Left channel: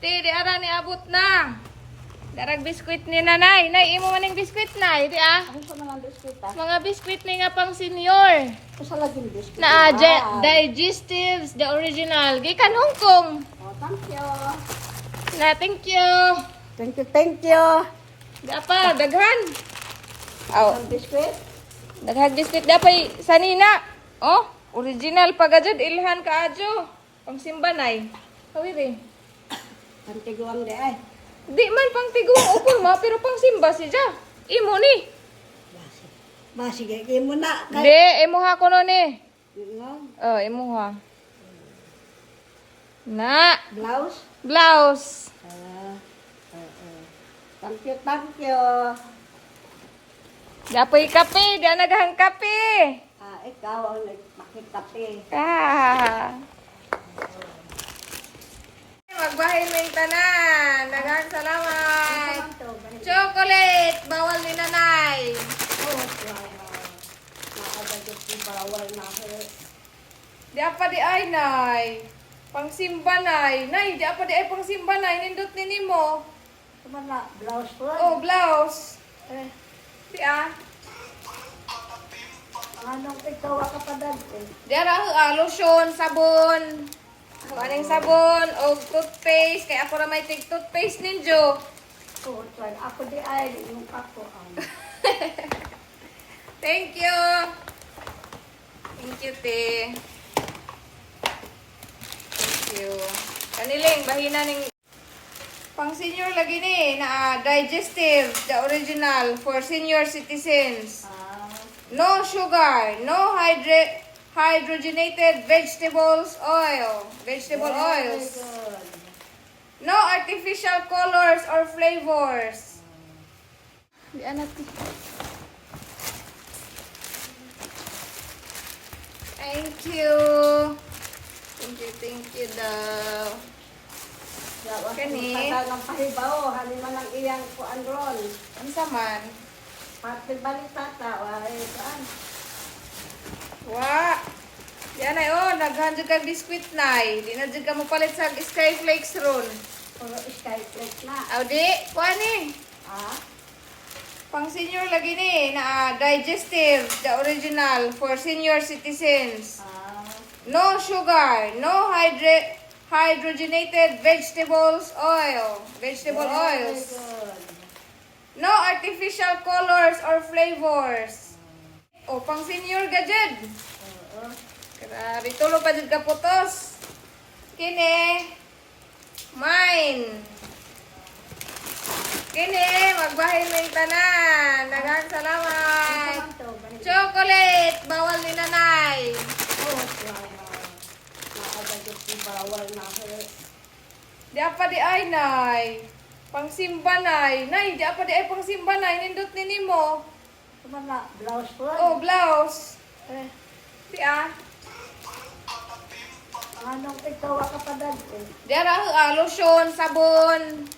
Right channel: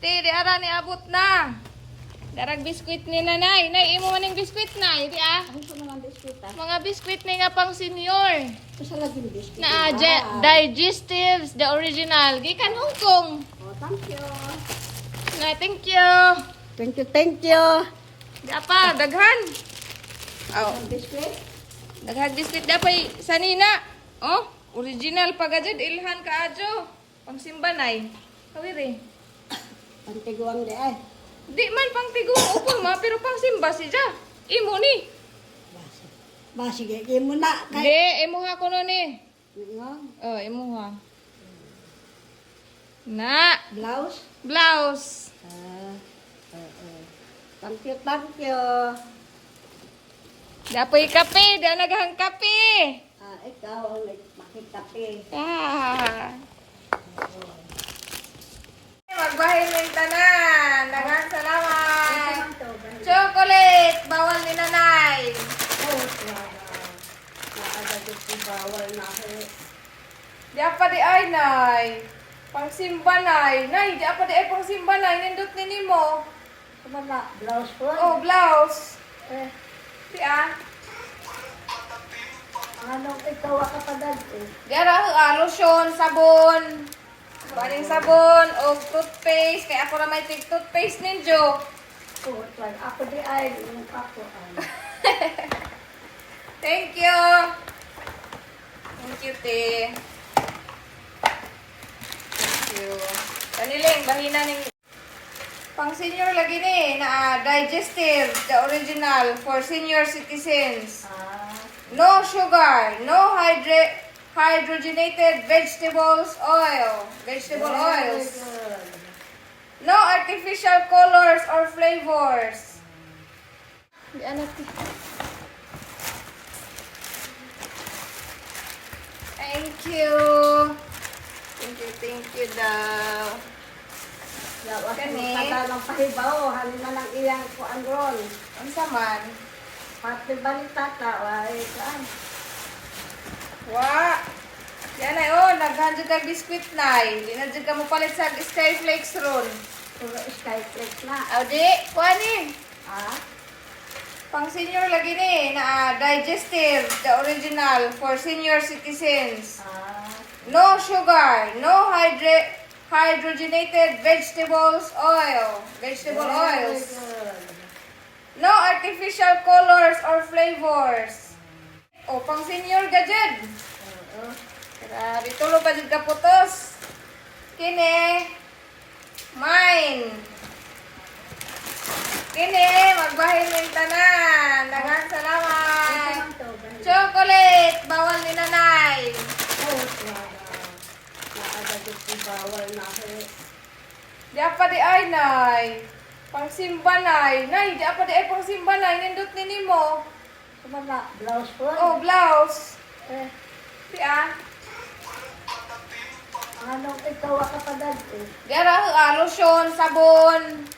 Ti, di ara ni abot na. Darag biskwit ni nanay. Nay, imo maning biskwit na. Di ah. Ano sa mga biskuit ah? Mga biskwit ni nga pang senior. Ito sa laging biskuit. Na digestives, the original. Gikan Hong Kong. Oh, thank you. Na, thank you. Thank you, thank you. Di pa, daghan. Oh, Ang biskuit? daghan biskwit. Di pa, sanina. Oh, original pagajad. Ilhan ka adyo. Pang simbanay. Kawiri. Ang tiguang di ay. Di man pang tiguang upol ma, pero pang simba siya. Imo ni. Sige, mo na. Di, imuha ko no ni. Yung Oh, imuha. Na, blouse. blouse. Thank you, thank you. Dapoy kape, di naghang kape. Ikaw ang nagpakikape. Ah. Magbahay ng tanan. Daghang salamat. Chocolate, bawal ni nanay. Bawal na ako. Di apa di ay nay. Pangsimba nay. Nay, di apa di ay pangsimba nay. Nindot ni nimo. Kumana, blouse ko. Oh, blouse. Di ah. Anong ikaw ka pa dali? Di ara lotion, sabon. Baning sabon o toothpaste. Kaya ako na may toothpaste ninyo. Ako di ay, yung ako ay. Thank you. Thank you, te. Thank you. Kaniling, bahina ning pang senior lagi ni na digestive, the original for senior citizens. No sugar, no hydrogenated vegetables oil, vegetable oils. No artificial colors or flavors. Di anati. Thank you. Thank you daw. Kani? Sa ng pahibaw, hanin na lang iyang kuan ron. Unsa man? Pati balita ka, ay kuan. Wa. Yan ay oh, naghan jud kag biskwit nay. Di na jud ka mo palit sa Skyflakes ron. Puro skyplate na. Aw di, kuani. Ah? Pang senior lagi ni na digestive, the original for senior citizens. No sugar, no hydrogenated vegetables oil, vegetable oils. No artificial colors or flavors. O, pang senior gajud. Grabe, tulo pa jud ka putos. Kini, mine. Kini, magbahay ng tanan. Daghang salamat. Chocolate, bawal ni nanay. Bawal na ako. Di apa di ay nay. Pangsimba nay. Nay, di apa di ay pangsimba nay. Nindot ni nimo. Kumana, blouse ko. Oh, blouse. Di ah. Anong ikaw ka pa dali? Di ara lotion, sabon.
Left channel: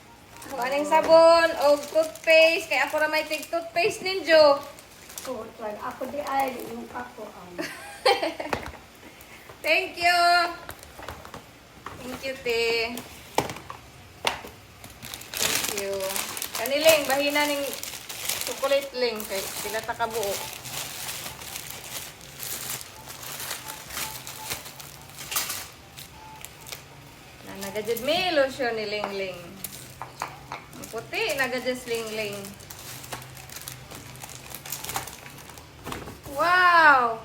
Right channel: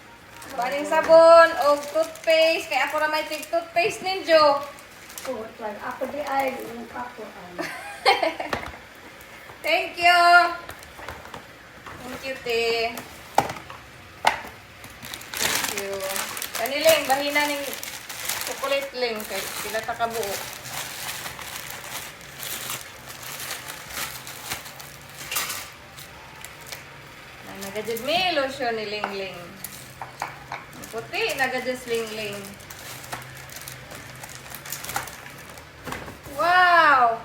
Baning sabon o toothpaste. Kaya ako na may toothpaste ninyo. Ako di ay, yung ako ay. Thank you. Thank you, te. Thank you. Kaniling, bahina ning chocolate ling. Kaya sila takabuo. Nagajud may lotion ni Ling Ling. Ang puti, nagajud Ling Ling. Wow!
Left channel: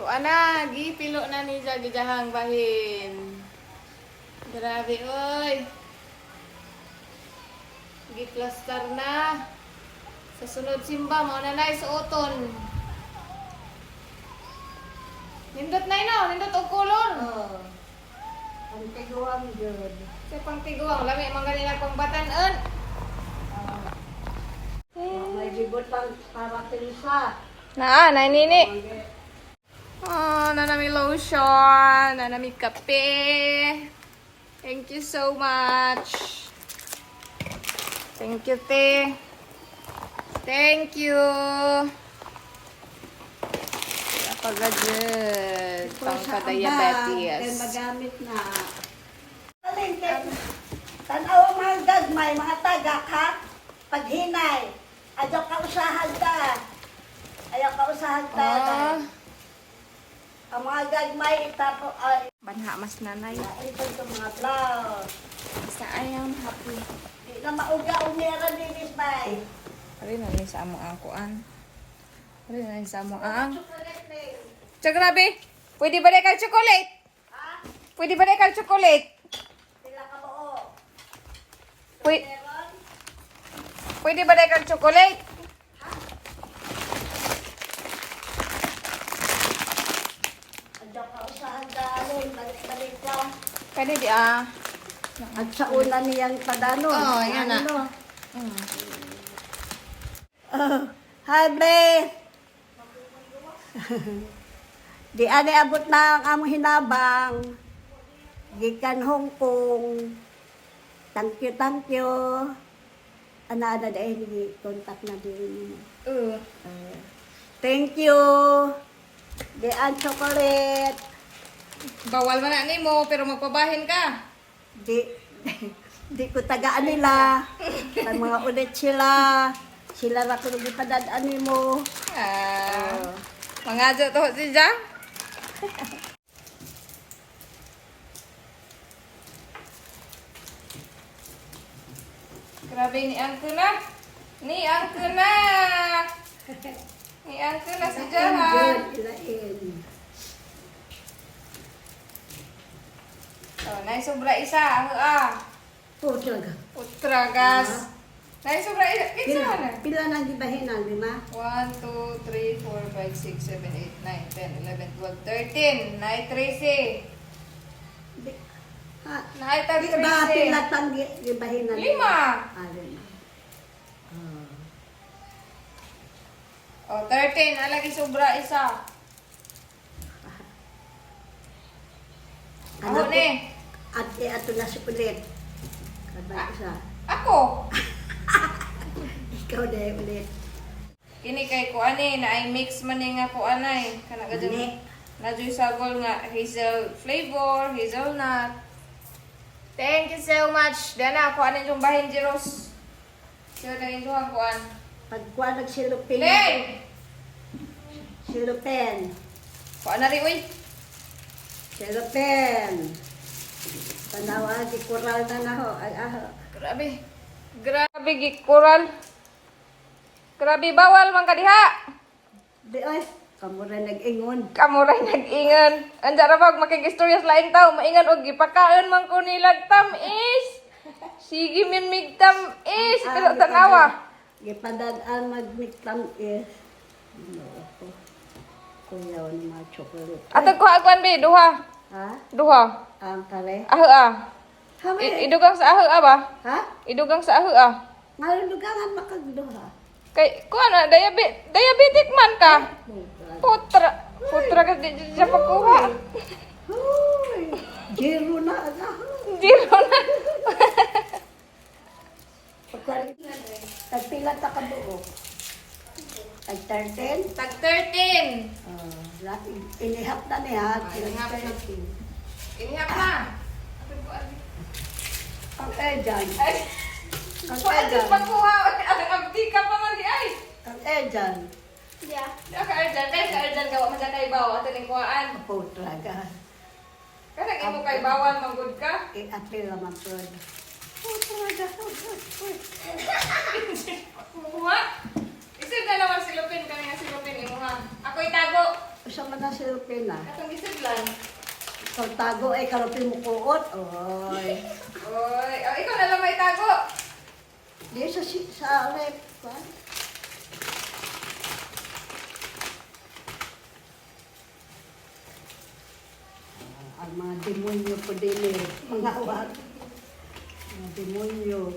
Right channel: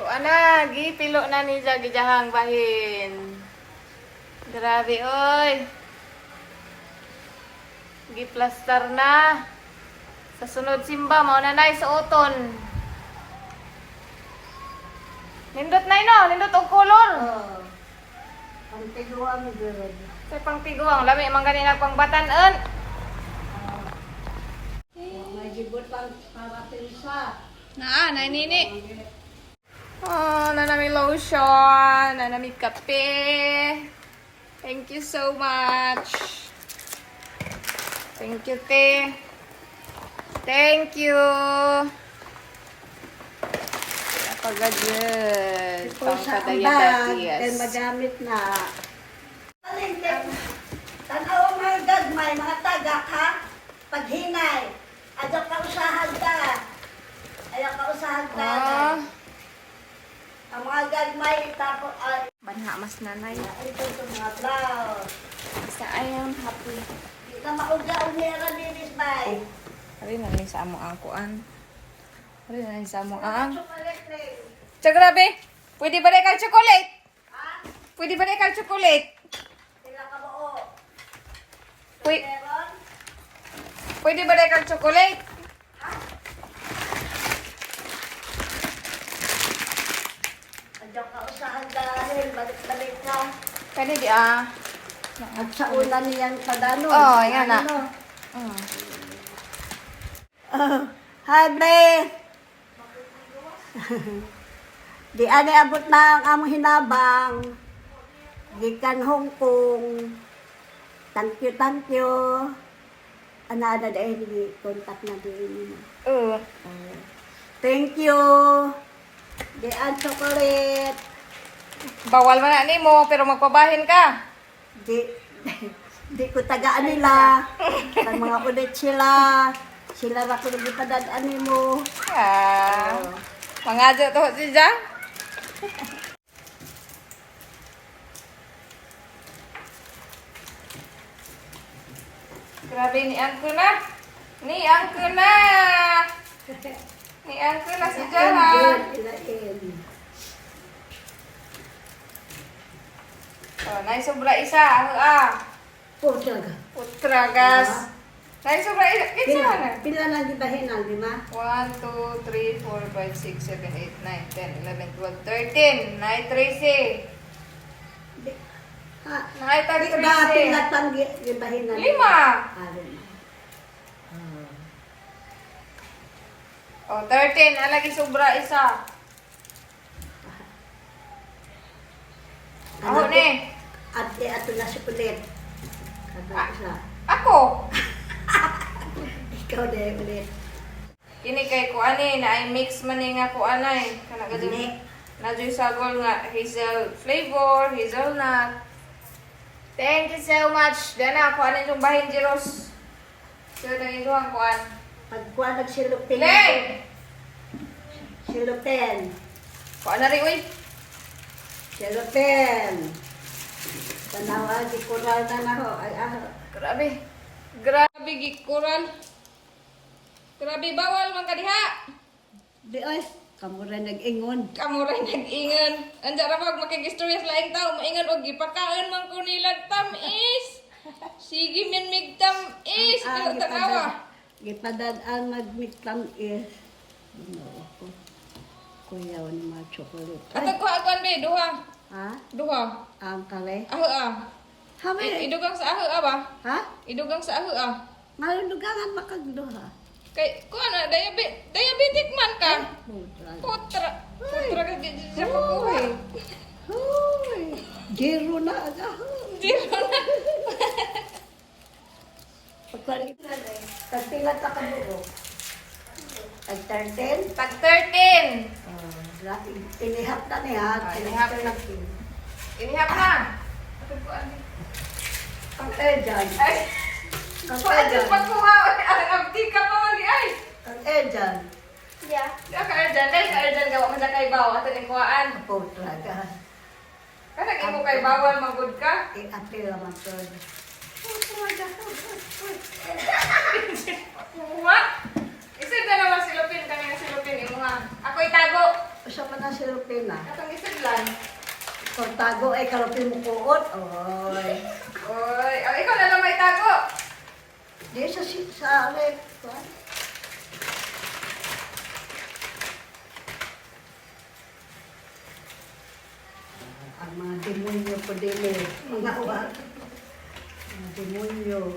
Tuana, gipilo na ni gijahang bahin. Grabe oy. Giplastar na. Sa sunod simba mao na nay suoton. Nindot na no, nindot og color. Ang tiguang girl. Sa pang tiguang lami man ganina pang batan-an. May gibot lang para pilsa. Na, nini. Oh, nanami lotion, nanami kape. Thank you so much. Thank you, te. Thank you. Pagajud, pang kadaya-dayas. Magamit na. Aling, gagmay, mga tagak ha. Paghinay. Ayaw ka usahan ka. Ayaw ka usahan ka. Ah. Ang mga gagmay, tapos, ay, Banha mas nanay. ito itong mga blouse. Sa ayang happy. Di na mauga-ug niya linis bay. Ari na ni sa amo ang kuan. Ari na ni sa amo ang. Chocolate plate. Tsaka grabe. Pwede ba rin kang chocolate? Ha? Pwede ba rin kang chocolate? Sila ka buo. Pwede, Meron? pwede ba rin kang chocolate? Ayaw ka usahan dahil balik-balik na. Kani di ah. At sa una niyang padano. Oh, yan na. Ano? Mm. Hi, Blaze! Di ani abot na ang among hinabang. Gikan Hong Kong. Thank you, thank you. Ana-ana dahil ni contact na din. Thank you. Di an chocolate. Bawal man na nimo pero magpabahin ka. Di, di ko tagaan nila. Ang mga ulit sila. Sila ra ko gipadadaan nimo. Ah. Mangadyo to si Jang. Grabe ni Angko na. Ni Angko na. Ni Angko na si Jang ha. Oh, nay sobra isa. Ah. Po talaga. Putra gas. Nay sobra isa. Kinsa na? Pila na gibahinan, lima? 1, 2, 3, 4, 5, 6, 7, 8, 9, 10, 11, 12, 13. Nay 13. Di, ha, Nay tag di ba 13. pila tang gibahinan? 5. Ah, lima. Oh, 13. Alagi sobra isa. Ako Anak ko, ni. At ato na si Kulit. Kabay isa. Ako. Ikaw na ulit. Kini kay ko ani na ay mix man ni nga ko anay. Kana Dili. gadyo. Nadyo'y sagol nga hazel flavor, hazelnut. Thank you so much. Dana ako anin yung bahin Jeros. So na yung duhang kuan. Pagkuha nagsilupin. Lay! Silupin. Kuan na rin uy. Silupin. Panawa, di kural na na ho. Ay, aho. Grabe. Grabe gikural. Grabe bawal man kadiha. Di oy, kamu rin nag-ingon. Kamuray nag-ingan. Anja ra pag makigistorya sa laing tao, maingan og gipakaon man ko nilag tamis. Sige min mig tamis, pero tanawa. Gipadadaan mag-miktam is. No, ako. Kuya, ni mga chocolate. Atag ko agwan be duha. Ha? Duha. Ang kale? Aho ah. Hamay. Idugang sa aho ah ba? Ha? Idugang sa aho ah. Malugangan makagduha. Kay kuan na diabetic man ka. Putra. Putra ka di sa pagkuha. Hoy! Zero na agaho. Zero na. Tagpila ta ka buo. Tag 13. Tag 13. Inihap na niya. Inihap na. Inihap na. Ang ejan. Ay. Ang Kuan ejan. sa pagkuha. Abdi ka pa man di ay. Ang ejan. Yeah. Diya ka Arjan. Kaya ka Arjan gawa man kay bawo ato ning kuhaan. Po talaga. Kada imo kay bawal magud ka. April naman to. Po talaga. Kuha. Isig na naman silupin kami nga silupin imo ha. Ako itago. Usa man na si Rupina. Katong isidlan. Kung tago ay karupin mo kuot. Oy. Oy, oh, ikaw na lang may tago. Di sa ulit. Ang mga demonyo po din eh. Mga wag. Mga demonyo.